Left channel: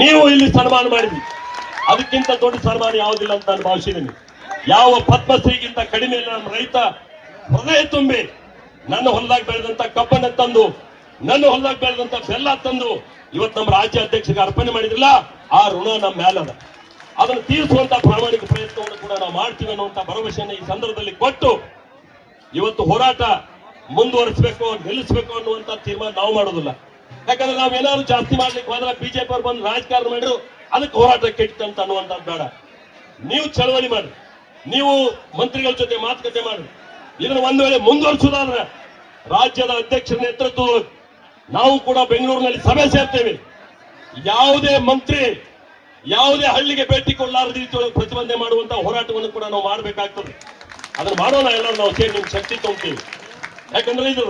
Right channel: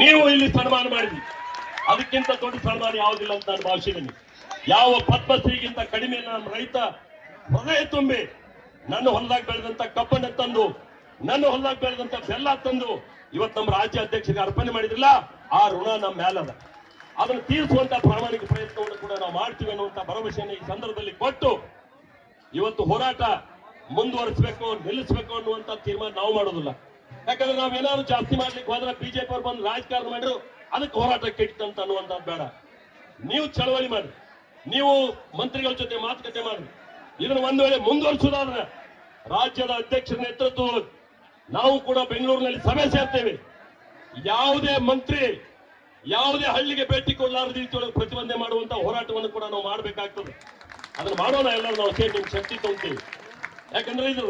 ನೀವು ಇಲ್ಲಿ ಸನ್ಮಾನ ಮಾಡಿದ್ರಿ. ಅದಕ್ಕಿಂತ ದೊಡ್ಡ ಸನ್ಮಾನ ಯಾವುದಿಲ್ಲ ಅಂತ ನಾನು ಭಾವಿಸಿದ್ದೀನಿ. ಯಾವ ಪದ್ಮಶ್ರೀಗಿಂತ ಕಡಿಮೆ ಇಲ್ಲ ನಮ್ಮ ರೈತ. ಹೃದಯ ತುಂಬಿ ನನ್ನ ಹೊಲ್ದಾಗ ಬೆಳೆದಂತ ಕಬ್ಬನ ತಂದು, ನನ್ನ ಹೊಲ್ದಾಗ ಬೆಳೆದಂತ ಬೆಲ್ಲ ತಂದು ಇವತ್ತು ನಮ್ಮ ರಾಜ್ಯ ಅಧ್ಯಕ್ಷರಿಗೆ ಅರ್ಪಣೆ ಮಾಡಿದ್ರಲ್ಲ, ಆ ಋಣ ನಮ್ಮ ಮೇಲದ ಅದನ್ನು ತೀರಿಸುವಂತ ಪ್ರಾಮಾಣಿಕ ಪ್ರಯತ್ನವನ್ನು ಕೂಡ ನಾವು ಮಾಡ್ತೀವಿ ಅನ್ನುವಂತ ಭರವಸೆಯನ್ನು ಈ ಸಂದರ್ಭದಲ್ಲಿ ಕೊಟ್ಟು ಇವತ್ತು ಹೋರಾಟ ಮುಂದುವರಿಸಬೇಕು, ನಿಲ್ಲಿಸಬೇಕು ಅನ್ನುವಂತ ತೀರ್ಮಾನ ನಾವು ಮಾಡೋದಿಲ್ಲ. ಯಾಕಂದ್ರೆ ನಾವೇನಾದ್ರು ಜಾಸ್ತಿ ಮಾಡ್ಲಿಕ್ಕೆ ಹೋದ್ರೆ ಬಿಜೆಪಿ ಅವ್ರು ಬಂದು ರಾಜಕಾರಣ ಮಾಡಿದ್ರು, ಅದಕ್ಕೆ ಹೋರಾಟ ಕೆಟ್ಟಂತ ಅನ್ನುವಂಥದ್ದು ಬೇಡ. ನೀವು ಚಳವಳಿ ಮಾಡಿ ನೀವು ಮಂತ್ರಿಗಳ ಜೊತೆ ಮಾತುಕತೆ ಮಾಡಿ ಇದನ್ನ ಒಂದು ವೇಳೆ ಮುಂದುವರಿಸುವುದಾದ್ರೆ ರಾಜ್ಯದ ಅಧ್ಯಕ್ಷರ ನೇತೃತ್ವ ನಾವು ಕೂಡ ಬೆಂಗಳೂರಿನಲ್ಲಿ ಸಭೆ ಸೇರ್ತೇವೆ. ಯಾವುದೇ ಮಂತ್ರಿ, ಯಾವುದೇ ಹಳ್ಳಿಗೆ ಭೇಟಿ ಕೊಡಲಾರದ ರೀತಿಯಲ್ಲಿ ಪ್ರತಿಬಂಧನೆ ಮಾಡುವಂತ ಹೋರಾಟವನ್ನು ಕೂಡ ನಾವು ಮಾಡಬೇಕಾಗ್ತದೆ. ಅದನ್ನು ಮಾಡೋಣ ಎಲ್ಲರೂ ನಾವು ಸೇರಿ ಶಕ್ತಿ ತಗೊಳ್ತೀವಿ ಯಾಕಂದ್ರೆ ಇದು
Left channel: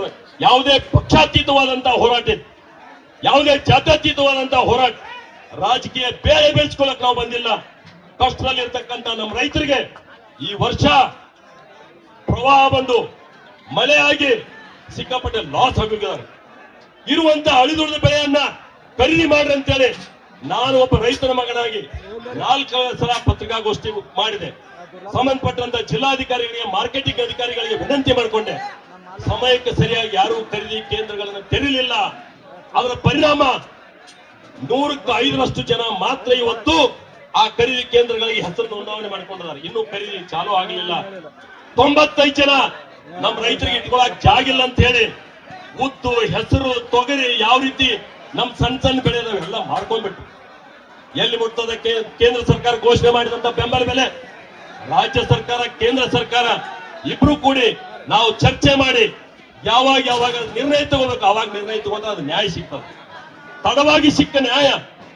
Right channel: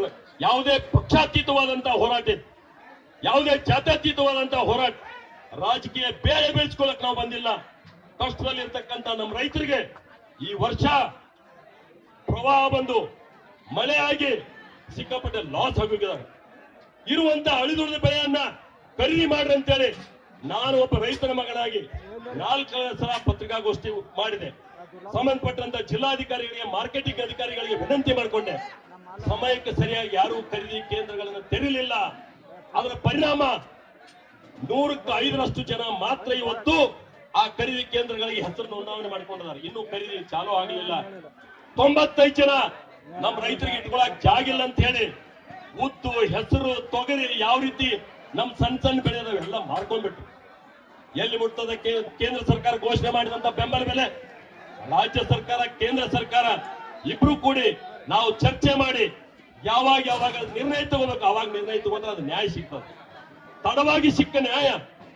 ಯಾವುದೇ ಪಕ್ಷಾತೀತವಾದಂತಹ ಹೋರಾಟ. ಯಾವುದೇ ಜಾತ್ಯತೀತವಾದಂತಹ ಹೋರಾಟ ರಾಜಕೀಯ ಬೇರೆ ಬೆಳೆಸ್ಕೊಳ್ಳಕ್ ನಾವು ಬಂದಿಲ್ಲ. ಕಷ್ಟದಲ್ಲಿ ಇರ್ತಕ್ಕಂಥ ನಮ್ಮ ರೈತರಿಗೆ ಈ ವರ್ಷ ಪ್ರವಾಹ ಬಂದು ಮಳೆ ಆಗಿ ಸಿಕ್ಕಾಪಟ್ಟೆ ಲಾಸ್ ಆಗಿದ್ದಾರೆ ಇರುವಂತ ಅಳಿದುಳಿದ ಬೆಳೆಯನ್ನ ಖರೀದಿ ಮಾಡ್ರಿ ಅಂತೇಳಿ ನಾನು ಒಬ್ಬ ರೈತನ ಮಗನಾಗಿ ನಾಲ್ಕು ಸಲ ಪತ್ರಿಕಾಗೋಷ್ಠಿ ಮಾಡಿದೆ. ಸಂಬಂಧಪಟ್ಟಂತ ಜಿಲ್ಲಾಧಿಕಾರಿಗಳಿಗೆ, ಮಾರ್ಕೆಟಿಂಗ್ ಅಧಿಕಾರಿಗಳಿಗೆ ವಿನಂತಿ ಮಾಡಿಕೊಂಡೆ. ಸಮಯಕ್ಕೆ ಸರಿಯಾಗಿ ಯಾರೂ ಖರೀದಿ ಕೇಂದ್ರಗಳನ್ನು ತೆರೀಲಿಲ್ಲ. ಅದರ ಪರಿಣಾಮ ನೂರಕ್ಕೂ ಐದರಷ್ಟು ಜನ ಮಾತ್ರ ಇವತ್ತು ಆ ಖರೀದಿ ಕೇಂದ್ರಗಳಿಗೆ ಹೆಸರು ನೋಂದಾವಣೆ ಮಾಡಿಕೊಂಡಿದ್ದಾರೆ. ಇನ್ನೂ ಖರೀದಿ ಚಾಲೂ ಆಗಲಿಲ್ಲ. ತೊಂಬತ್ತೈದು ಜನ ನಮ್ಮ ರೈತರಿಗೆ ಇಟ್ಕೊಳಕ್ ಜಾಗಿಲ್ಲ ಅಂತ ಹೇಳಿ ಉದ್ದು ಹೆಸರು, ತೊಗರಿ ಯಾವ ರೀತಿ ನಮ್ ಸಣ್ಣ ಸಣ್ಣ ಬೆಳೆ ಎಲ್ಲ ಮಾರ್ಕೊಂಡ್ಬಿಟ್ಟು ಎಲ್ಲಿ ಮುಟ್ಟೋದಕ್ಕೆ ಕೇಂದ್ರ ಸರ್ಕಾರ ಘೋಷಣೆ ಮಾಡಿದಂತ ಬೆಂಬಲ ಬೆಲೆ? ರಾಜ್ಯ ಸರ್ಕಾರ, ಕೇಂದ್ರ ಸರ್ಕಾರ ಇಬ್ರು ಕೂಡಿ ನಾವು ಚರ್ಚೆ ಮಾಡಿ ಯಾವಾಗ ಯಾವಾಗ ನಿರ್ಣಯ ತಗೋಬೇಕು, ಅವಾಗ ನಿರ್ಣಯ ತಗೊಂಡ್ರೆ ಅದು ನ್ಯಾಯ ಸಿಗ್ತದೆ. ತಡವಾಗಿ ಸಿಕ್ಕ ನ್ಯಾಯ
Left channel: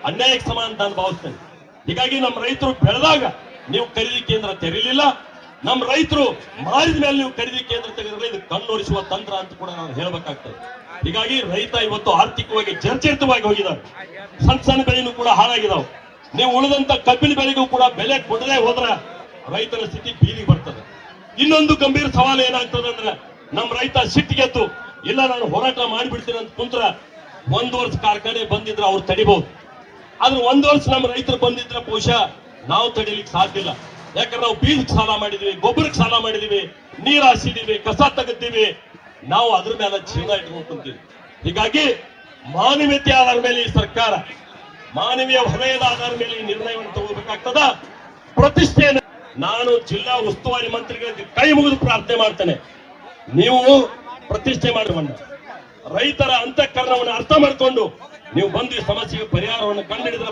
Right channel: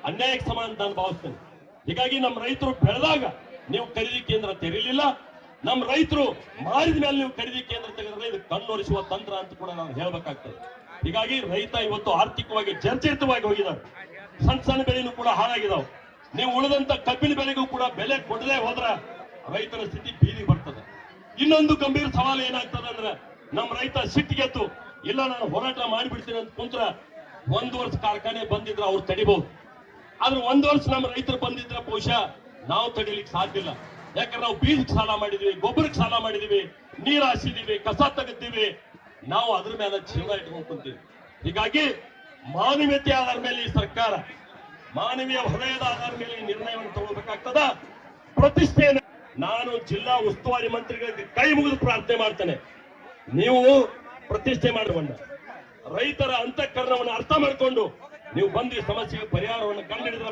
ಅನ್ಯಾಯಕ್ಕೆ ಸಮಾನ ಅಂತ ನಾನು ಭಾವಿಸ್ತೇನೆ. ಹೀಗಾಗಿ ನಮ್ಮ ರೈತರು ಬೆಳೆದಾಗ ನೀವು ಖರೀದಿ ಕೇಂದ್ರ ತೆರೀಲಿಲ್ಲ, ನಮ್ಮ ರೈತರು ಮಾರಿದ ಮೇಲೆ ನೀವು ಖರೀದಿ ಕೇಂದ್ರ ತೆಗೆದ್ರೆ ಇದು ಕಣ್ಣೊರಿಸುವ ತಂತ್ರ ಅಂತ ಕೂಡ ನಾವು ಹೇಳಬೇಕಾಗ್ತದೆ. ಹೀಗಾಗಿ ರೈತ ಇವತ್ತು ಆರ್ಥಿಕವಾಗಿ ಜರ್ಜರಿತವಾಗಿ ಹೋಗಿದ್ದಾರೆ. ಸಣ್ಣ ಸಣ್ಣ ಬೆಳೆನೂ ಕೂಡ ಹಾಳಾಗಿದಾವೆ. ನೀವು ಉಳಿದಂತ ಕಬ್ಬಿನ ಬೆಳೆಗೂ ಕೂಡ ಬೆಲೆ ಕೊಡದೆ ಹೋದ್ರೆ ರೈತರ ಸ್ಥಿತಿ ಬೀದಿಗೆ ಬರ್ತದೆ. ಇನ್ನೊಂದು ಗಂಭೀರ ಸವಾಲು ಏನಾಗ್ತದೆ ಅಂದ್ರೆ ನಮ್ಮ ರೈತ ಸಿಟ್ಟಿಗೆದ್ದು ಇಲ್ಲ, ನಾನು ಹೋರಾಟ ಮಾಡಿಬಿಡ್ತೀನಿ ಅಂತ ಕುಂತ್ರ ಒಂದು ವರ್ಷ ಕಾರ್ಖಾನೆ ಬಂದಿದ್ರೆ ಅವ್ರು ತಡಿಬಹುದು ಆದ್ರೆ ಒಂದು ವರ್ಷ ನಮ್ಮ ರೈತರು ಬಂದಿದ್ರೆ ಬಹುಶಃ ನಾವು ತಡಿಲಿಕ್ಕೆ ಸಾಧ್ಯ ಇಲ್ಲ. ಯಾಕಂದ್ರೆ ನಾವು ಬೀಜಕ್ಕೆ ಸಾಲ ಮಾಡಿದೀವಿ, ಗೊಬ್ಬರಕ್ಕೆ ಸಾಲ ಮಾಡಿದೀವಿ, ನೀರ್ ಹಾಸಿದೀವಿ, ಕಸ ತೆಗೆದ್ದೀವಿ ನಾವು ಅದ್ರ ಮೇಲೆ ಜೀವನ ಇಟ್ಕೊಂಡು ಕುಂತೀವಿ. ಹೀಗಾಗಿ ಮಾನವೀಯತೆ ಆಧಾರ ಮೇಲೆ ಈ ಸರ್ಕಾರ, ಮಾನವೀಯ ವಲಯದ ಆಧಾರ ಮೇಲೆ ಈ ನಿರ್ಣಯವನ್ನು ತಗೋಬೇಕಾಗ್ತದ? ಪ್ರತಿಷ್ಠೆಯನ್ನು ನಾನು ಜಿಲ್ಲಾ ಉಸ್ತುವಾರಿ ಮಂತ್ರಿಗಳಿಗೆ ಕೈ ಮುಗಿದು ಪ್ರಾರ್ಥನೆ ಮಾಡ್ತೇನೆ. ನೀವು ಪ್ರತಿಷ್ಠೆ ಮಾಡಿಕೊಂಡ ರೈತರ ಅಂತಃಕರಣವನ್ನು ಅರ್ಥ ಮಾಡಿಕೊಂಡು ನೀವು ಬಂದು ಈ ಸಮಸ್ಯೆಗೆ ಪರಿಹಾರವನ್ನು ಕಂಡುಹಿಡಿದ್ರೆ